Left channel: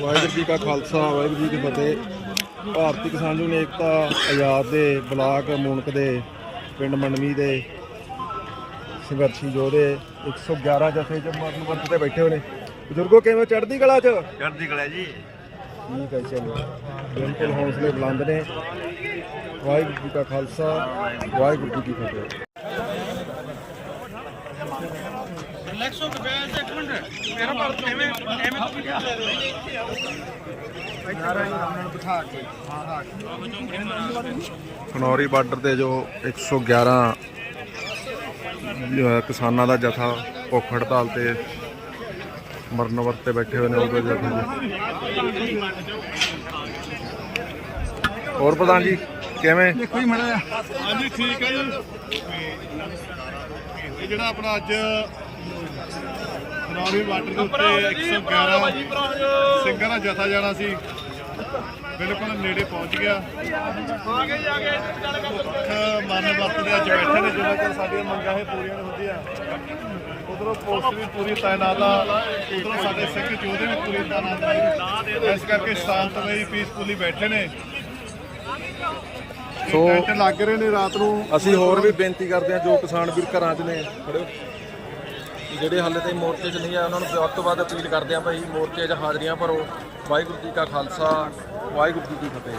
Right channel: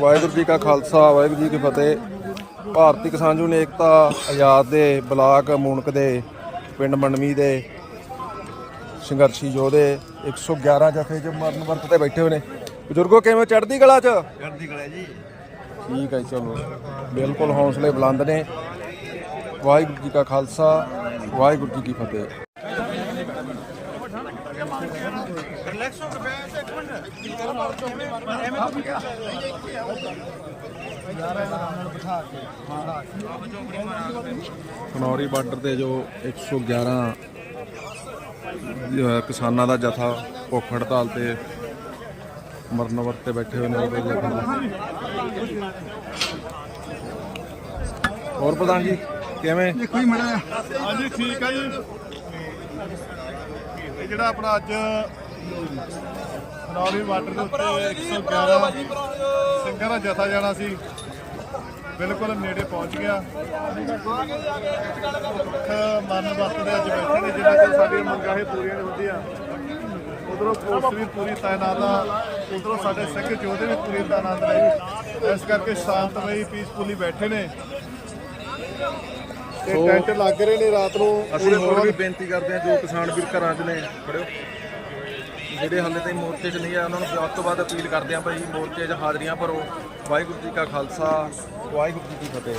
ਵਾਹਿਗੁਰੂ ਜੀ ਕਾ ਖਾਲਸਾ ਵਾਹਿਗੁਰੂ ਜੀ ਕੀ ਫਤਿਹ। ਭਾਰਤੀ ਕਿਸਾਨ ਯੂਨੀਅਨ ਏਕਤਾ ਆਜ਼ਾਦ ਦੇ ਬਲਾਕ ਮੂਨਕ ਦੇ ਪਿੰਡ ਮੰਡਮੀ ਦੇ ਸੰਘਰਸ਼ੀ ਯੋਧੇ 111 ਜਥੇ ਚ ਮਰਨ ਵਰਤ ਤੇ ਬੈਠੇ ਹੋਏ ਨੇ। ਬਜ਼ੁਰਗੋ ਕਿਵੇਂ ਚੜ੍ਹਦੀ ਕਲਾ ਚ? ਚੜ੍ਹਦੀ ਕਲਾ ਜੀ। ਠੀਕ ਹੈ ਚਲੋ। ਬਿਲਕੁਲ ਹੌਸਲੇ ਬੁਲੰਦ ਨੇ। ਵਾਹਿਗੁਰੂ ਜੀ ਕਾ ਖਾਲਸਾ ਵਾਹਿਗੁਰੂ ਜੀ ਕੀ ਫਤਿਹ। ਖਨੌਰੀ ਬਾਰਡਰ ਤੇ ਜੋ 111 ਅਹ ਕਿਸਾਨਾਂ ਦਾ ਜਥਾ ਭੁੱਖ ਹੜਤਾਲ ਤੇ ਮਰਨ ਵਰਤ ਤੇ ਬੈਠੇ ਹੋਏ ਨੇ ਉਹਦੇ ਜਥੇ ਜੀ। ਹੋਰ ਪ੍ਰਧਾਨ ਜੀ ਕਿਵੇਂ? ਹਾਂਜੀ ਠੀਕ ਹੈ ਜੀ। ਇਹ ਜਿਹੜਾ ਆਪਣਾ ਅੱਜ ਖਨੌਰੀ ਵਾਟਰ ਦੇ ਉੱਤੇ 111 ਸਿੰਘਾਂ ਦਾ ਜਥਾ ਜਾਣਾ ਸੀ। ਬਿਲਕੁਲ ਨੇੜੇ ਪਹੁੰਚ ਗਿਆ। ਭੁੱਖ ਮਰਨ ਵਰਤ ਦੇ ਅੱਜ ਬੈਠੇ ਨੇ ਜਦੋਂ ਤੋਂ ਸਾਡੀਆਂ ਮੰਗਾਂ ਇਹ ਪੂਰੀਆਂ ਨਹੀਂ ਹੁੰਦੀਆਂ ਉਧਰੋਂ ਪੁਲਿਸ ਵੀ ਪੂਰੀ ਤਾਇਨਾਤ ਆ। ਉਧਰੋਂ ਸਾਡੇ ਸਿੰਘ ਯੋਧੇ ਵੀ ਪੂਰੀ ਤਾਇਨਾਤ ਨੇ। ਇਸ ਕਰਕੇ ਸ਼ਾਂਤਮਈ ਪੀਸਫੁਲੀ ਬੈਠੇ ਨੇ। ਸੋ- ਲੱਗ ਰਹੇ ਨੇ ਰਾਤ ਨੂੰ। ਅਸੀਂ ਹੋਰ ਵੀ ਬੇਨਤੀ ਕਰਦੇ ਹਾਂ ਜੋ ਕਿਸਾਨ ਵੀਰ ਘਰਾਂ 'ਚ ਨੇ ਫੜਿਓ ਜਿਹੜੇ ਹਾਲੇ ਤਾਈਂ ਮੋਰਚੇ 'ਚ ਨਹੀਂ ਆ ਉਹਨਾਂ ਨੂੰ ਵੱਧ ਤੋਂ ਵੱਧ ਅਪੀਲ ਕਰਦੇ ਆ ਭਾਈ ਮੋਰਚੇ 'ਚ ਹਾਜ਼ਰੀਆਂ ਭਰੋ। ਵਾਹਿਗੁਰੂ ਜੀ ਕਾ ਖਾਲਸਾ, ਵਾਹਿਗੁਰੂ ਜੀ ਕੀ ਫਤਿਹ।